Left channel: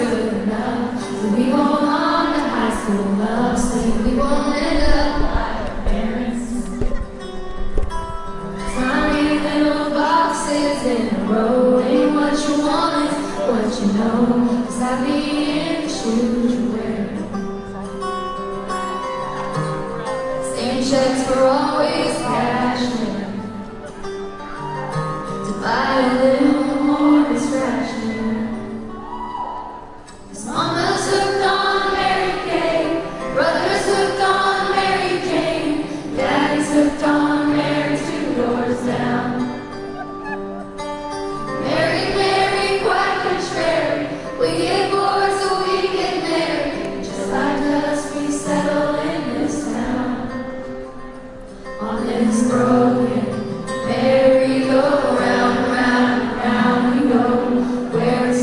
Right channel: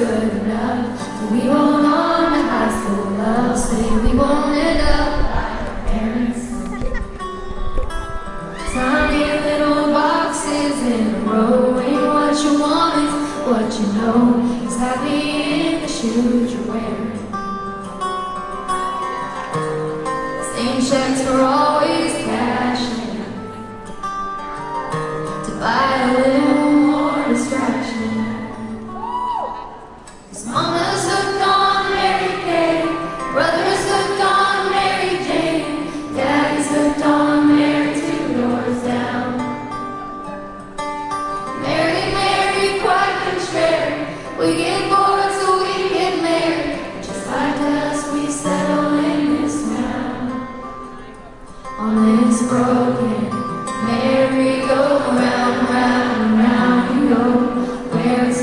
good enough. So we won't on to high school love. Say we won't end up like our parents. Tiny little boxes in a row. Ain't what you want is what you know. Is happy in the shoes you wear. Same checks were always cashed in to buy a little more distraction. 'Cause mama's hooked on Mary Kay, brother's hooked on Mary Jane, daddy's hooked on Mary 2 doors down. Mary, Mary, quite contrary, we get bored so we get married. Just like us, we settle in this town. On this broken merry-go-round, round and round we go, where it's